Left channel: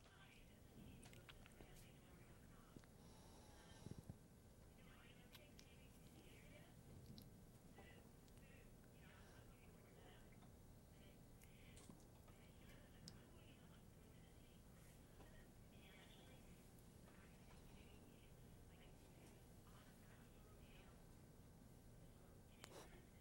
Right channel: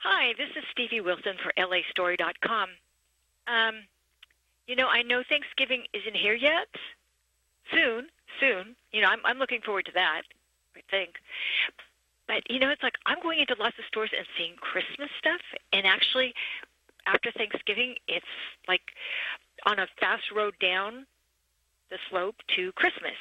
Hi, this is Stevie Wilson for LAstory.com. I know Thanksgiving isn't here yet. Soon. I'm looking forward to that, I think. But, it's like I'm going into lots of stores and seeing Christmas stuff. And actually, after Thanksgiving, it's like on a fast road down the slope to Christmas.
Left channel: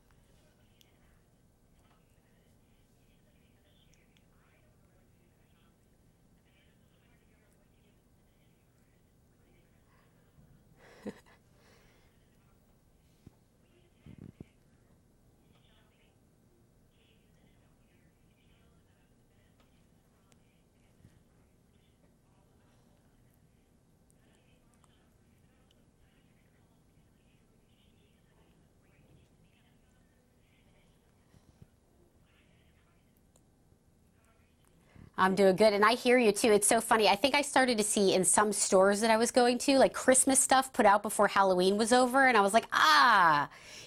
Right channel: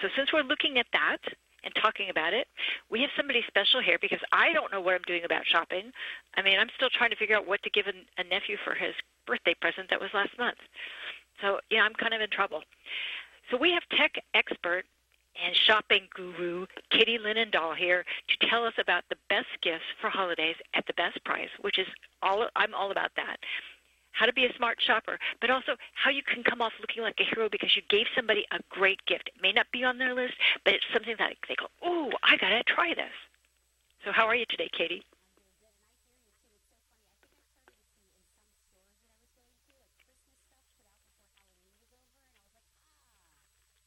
So since we're looking at that and talking about it, we have somebody special here because I don't know what I'm doing about shopping. I mean, I'm still trying to figure out what to give a nephew for his birthday present that was last month. So, I'm kind of in trouble. So we have tech expert and shopping guru Katie Linendoll here to tell us about the best gifts for holidays at the best price, which is I'm all about that. How to be a smart shopper, but also how you can come off looking like a hero because you gave somebody a great gift. It may not be on their list, but it's something that they go, "Oh, I got to try this." So how are you today, Katie? I'm doing good, and I hear you too. It's so funny. I think I started to see in some stores that I was going to, like Christmas stuff put out before Halloween was over, and I was like,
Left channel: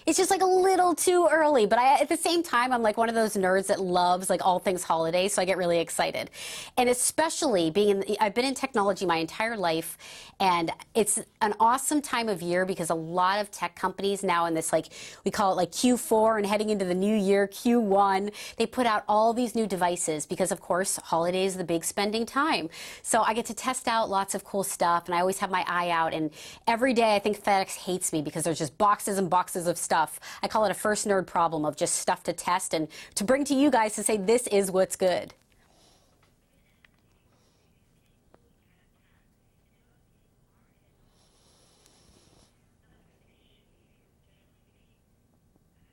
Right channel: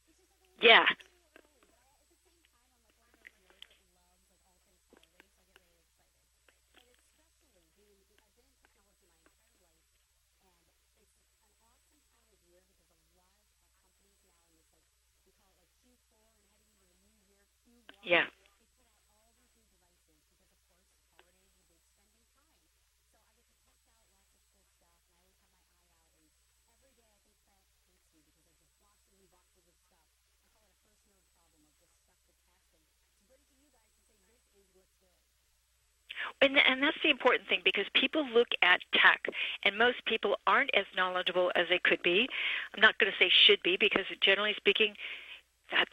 it's just like a little too early. But at the same time, I'm like one of those nerds that loves like all things holidays, so I get really excited. And especially I've been in technology my entire life, and it's an awesome time of year because a lot of tech companies now in this, like, we call it like Q4 and heading into the new year, Q1, they put out all these new devices because, of course, holidays is the big spending time. So I get to test out lots of cool stuff, and I always have my eye out. And every day I think FedEx hates me because there's just boxes and boxes of stuff. I call it a first nerd problem of just stuff to test and to bring to you guys to say this is what's good. And that's the important thing because people look at tech, and most people aren't as knowledgeable as they could be. I'm not going to say should be because generally speaking, that's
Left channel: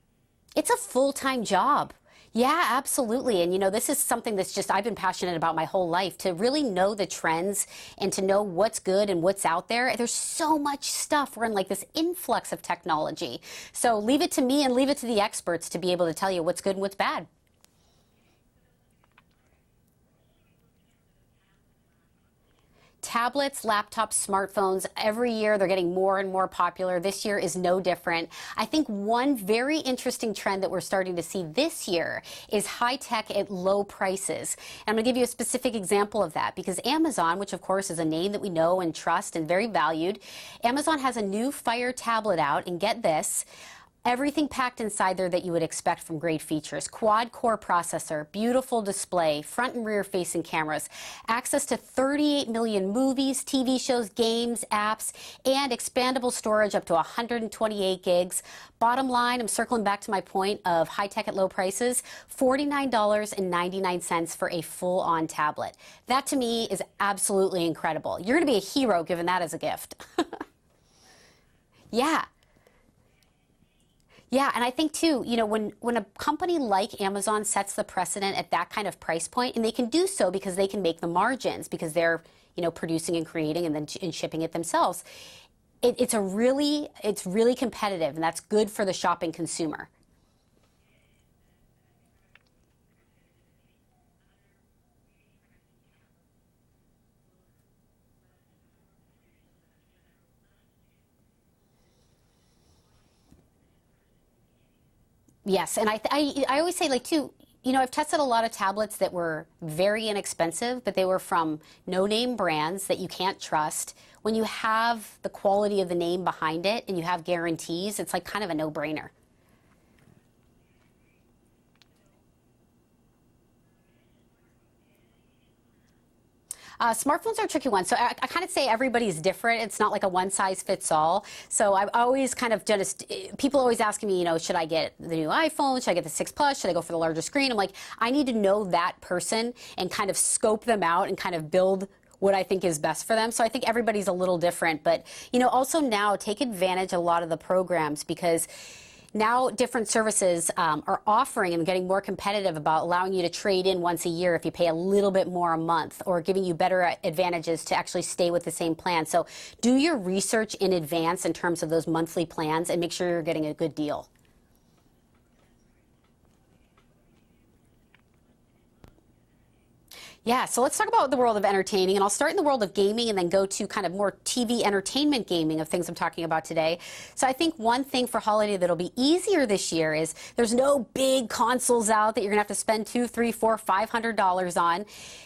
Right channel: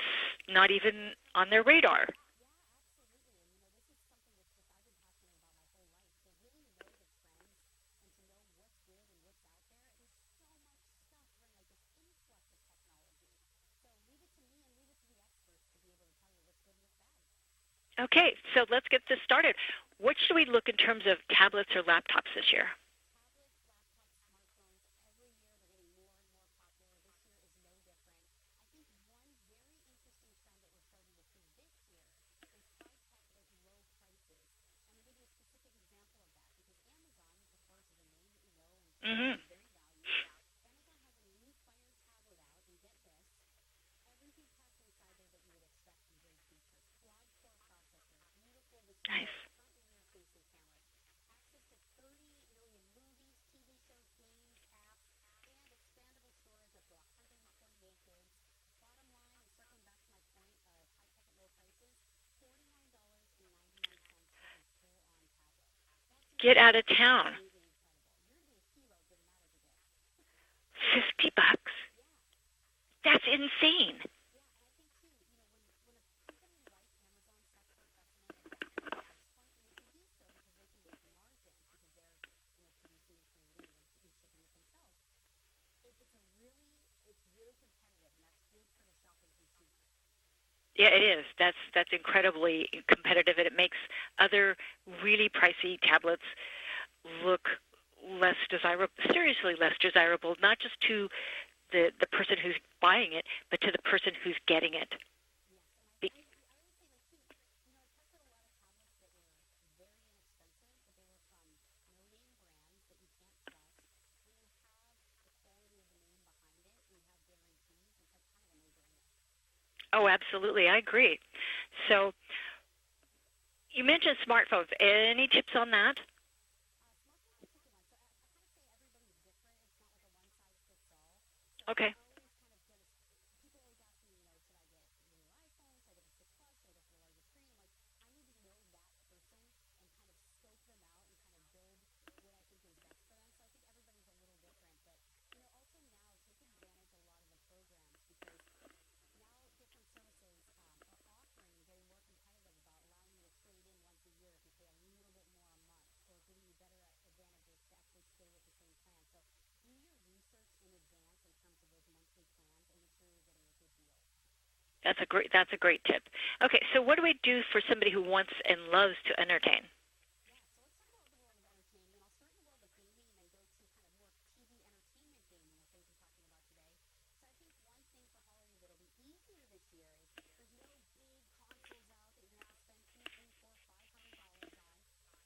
not even full-time on job. their radar. Yeah, absolutely. And this is something that's just I've been passionate about my whole life, to really know the trends and to know what's good and what's out there. There's so much stuff. We're in like this influx of technology. So leave it to me and leave it to the experts to be able to tell you what's good and what's bad. Okay, so let's get this started. What should we look in terms of tablets or laptops this year? Tablets, laptops, smartphones, every year they're getting more and more popular. This year is no different. I think one very interesting trend that we're starting to see this year is high tech at low prices. And I'm going to give you a specific example of that because Amazon, which of course is a name that we know and trust and very valued, Amazon has a new Fire tablet out, and get this, everything packed inside there that you would expect from great features. Quad-core processor, beautiful display, front and rear facing cameras, access to 38 million movies, TV shows, games, apps, and expandable storage up to 128 gigs. Bottom line, I'm circling back to my point of high tech at low prices, $49.99 for a full-on tablet. That to me is absolutely incredible. You're going to be a hero given that as a gift. $50? Yeah. That's insane. Yeah, and I think too, when a company like Amazon sets the precedent at that kind of price point, and they can do so because they can make the margins because they're, producing and creating and then shipping it themselves. It's really competitive, and that's good for the shopping consumer. Yeah, it is. That's incredibly competitive, and it makes other really pricey tablets look less desirable, seriously less desirable, not just to the person who's buying it, but to the person who's getting it. Yes, and I always say, like, too, I've tested a lot of tablets that were very inexpensive, but they were from no-name brands that you can't trust. When you have the quality of the name behind it and you have guarantees, it's like kind of a no-brainer. Oh, absolutely. I agree. So you mentioned smartphones. Any tips on that? Smartphones are a tricky one. So I kind of say everybody's different. It's not like a one-size-fits-all. So I've always kind of people always asking me, should I get the new iPhone? Should I get the 6 Plus? Should I go for the larger screen? I'm like, I need to know that person and kind of scope them out and kind of build what I think is best for them. So I think everybody's a little different. But, also now take advantage of a lot of the programs because now different services are offering and getting more competitive about allowing you to trade in once a year if you pay a little bit more a month, or giving you better advantages to actually stay with the same plan. So do your research in advance in terms of those monthly plans and make sure you're getting a good deal. That's a great tip. Okay, so what do we do for somebody who wants and loves to entertain? Yeah, so let's talk about the world of entertaining, and I'll start in the world of gaming and then go to kind of more TV entertainment gaming of things I'm talking about today. So I think one thing for holiday that'll be easier this year is there's no big consoles out that you're gonna have to spend $200, $300, $400, $500 on.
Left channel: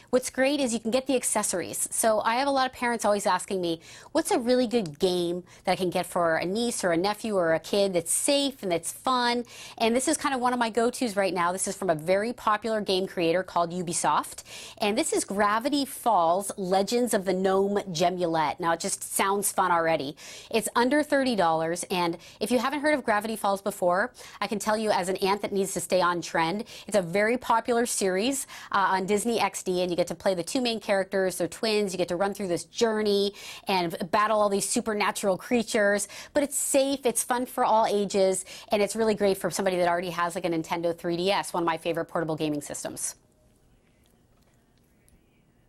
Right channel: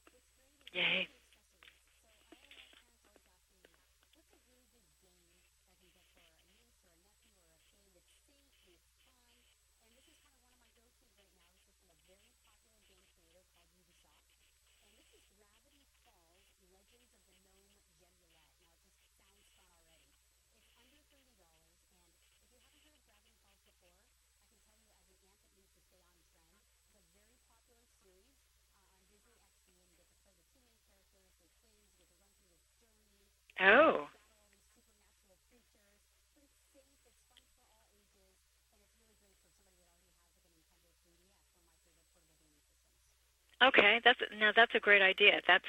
What's great is you can get the accessories. So I have a lot of parents always asking me, what's a really good game that I can get for a niece or a nephew or a kid that's safe and that's fun? And this is kind of one of my go-tos right now. This is from a very popular game creator called Ubisoft. And this is Gravity Falls Legends of the Gnome Gemulette. Now, it just sounds fun already. It's under $30. And if you haven't heard of Gravity Falls before, I can tell you as an aunt that needs to stay on trend, it's a very popular series on Disney XD, and you get to play the two main characters. They're twins. You get to run through this journey and battle all these supernatural creatures. But it's safe. It's fun for all ages. And it's really great for somebody that already has like a Nintendo 3DS, one of my favorite portable gaming systems. Okay, that's a great idea. That's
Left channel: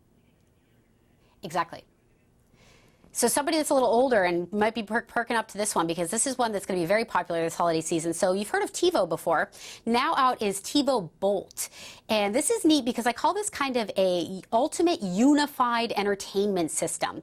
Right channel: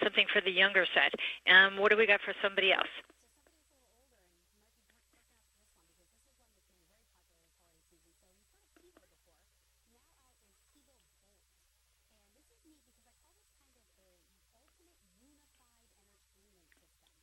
something for the younger set. Exactly. What do we got for somebody else? So somebody that's a little older and might be perking up to this one because this is one that's going to be very popular this holiday season. So you've heard of TiVo before. Now out is TiVo Bolt. And this is neat because I call this kind of a ultimate unified entertainment system.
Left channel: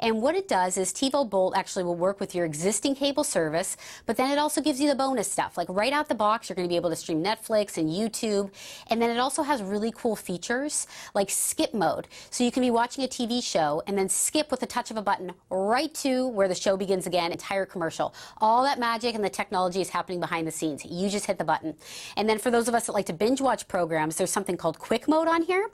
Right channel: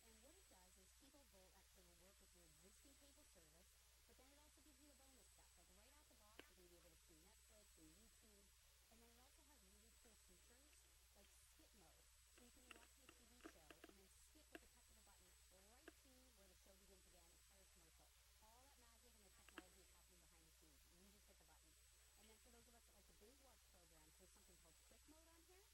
And what it does is TiVo Bolt actually will work with your existing cable service, but then it also gives you the bonus stuff. Like right out the box, you're going to be able to stream Netflix and YouTube. And then it also has really cool features like skip mode. So you can be watching a TV show and then skip with the touch of a button right to where the show begins again, entire commercial. All that magic and the technology is happening behind the scenes. You just hit the button. And then for those of us that like to binge watch programs, there's something called quick mode on here.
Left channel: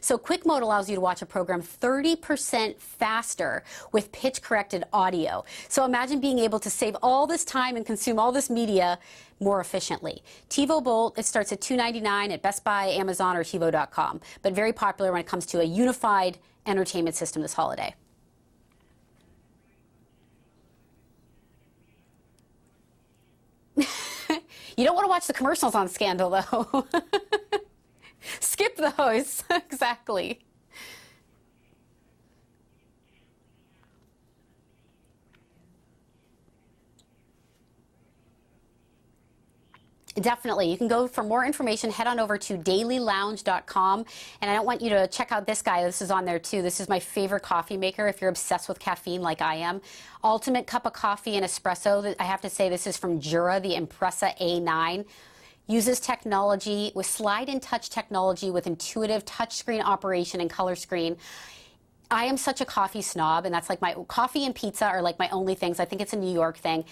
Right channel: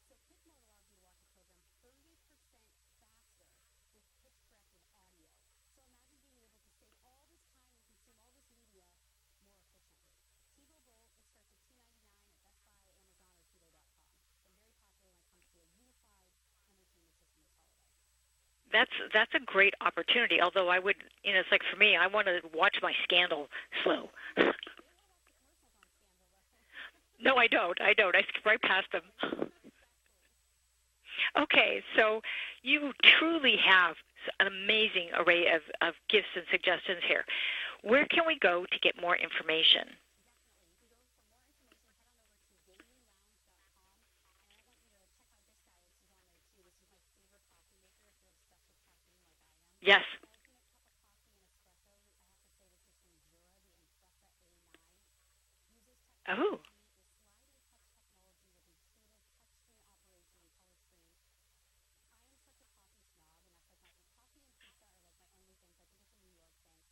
So quick mode allows you to watch a program 30% faster with pitch corrected audio. So imagine being able to save all this time and consume all this media more efficiently. TiVo Bolt, it starts at $299 at Best Buy, Amazon, or TiVo.com, but very popular when it comes to a unified entertainment system this holiday. That's a great opportunity. Although I would, it's like for me, I want to watch my Scandal. You don't want to watch the commercials on Scandal, though. No, I don't. I skip past those. Exactly. Okay, so you truly have an amazing array of gifts and suggestions here. Where can we go to get more information? Definitely. You can go for more information, head on over to dailylounge.com. And I don't want you to check out this guy. This is on there, too. This is my favorite coffee maker if you're obsessed with caffeine like I am. Yes. Ultimate cup of coffee and espresso. I have to say this is from Jura, the Impressa A9. Uses technology with slide and touch technology with intuitive touchscreen operation and color screen. I am such a coffee snob, and that's like my coffee and pizza are like my only things. I think it's a New York thing.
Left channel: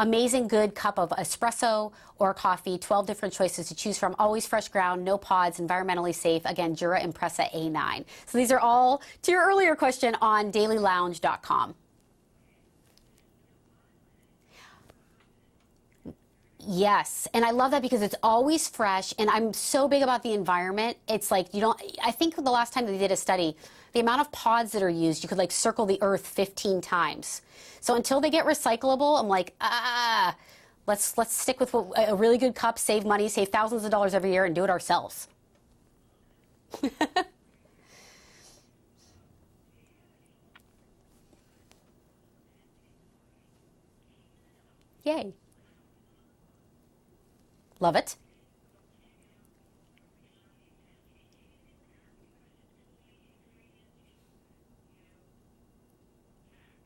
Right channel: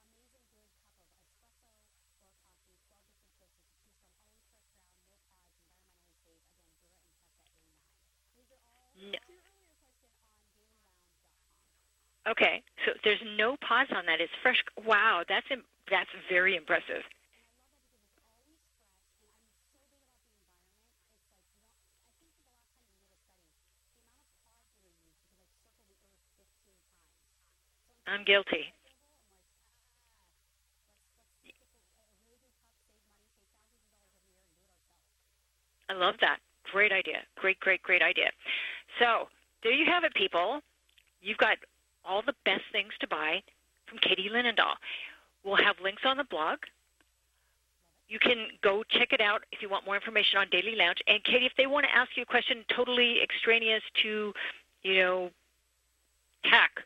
Amazing good cup of espresso or coffee, 12 different choices to choose from, always fresh ground, no pods, environmentally safe. Again, Jura Impressa A9. So these are all, to your earlier question, on dailylounge.com. Okay, so there's no pods on that. It's fresh. Wow, that's very impressive. Yes, and I love that because it's always fresh, and I'm so big about the environment. It's like I think the last time they did a study, the amount of pods that are used, you could like circle the earth 15 times. So until they get recyclable, I'm like, let's stick with a really good cup, save money, save thousands of dollars every year, and do it ourselves. I love that. Great idea. Great idea. So there you have it, people. You've got all the best things to buy from Katie Linendoll. Yay. We'll have links on the blog. Love it. You can go check it out if you want more information on Daily Lounge. And Katie, if they want to ask you a question totally extraneous to, tech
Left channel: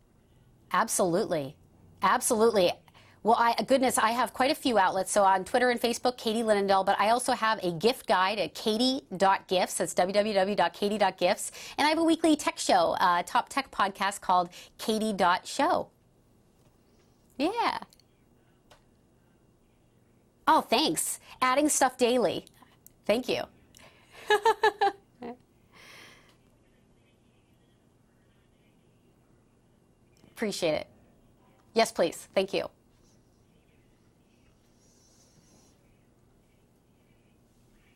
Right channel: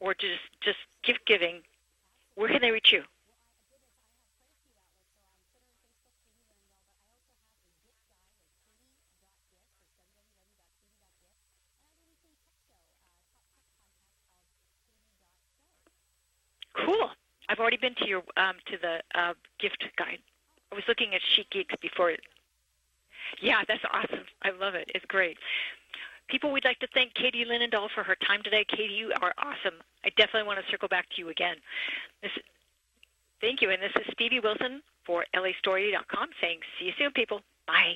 or just Absolutely. gift giving, Absolutely. where can they reach you? Well, I have quite a few outlets. So on Twitter and Facebook, Katie Linendoll, but I also have a gift guide at katie.gifts. That's www.katie.gifts. And I have a weekly tech show, top tech podcast called katie.show. Cool. Yeah. I've already been to your to the gift guide. Oh, thanks. Looking at sheet Adding cakes stuff before. daily. Thank you. Yeah, that's awesome. I love it. It's great. People, we'd like to thank Katie Linendoll for her time today. Katie, you are awesome. I definitely want to circle back to you again. Yes, please. Thank you. Thank you. And this is Stevie Wilson for LAstory.com saying, see you soon, people. Bye.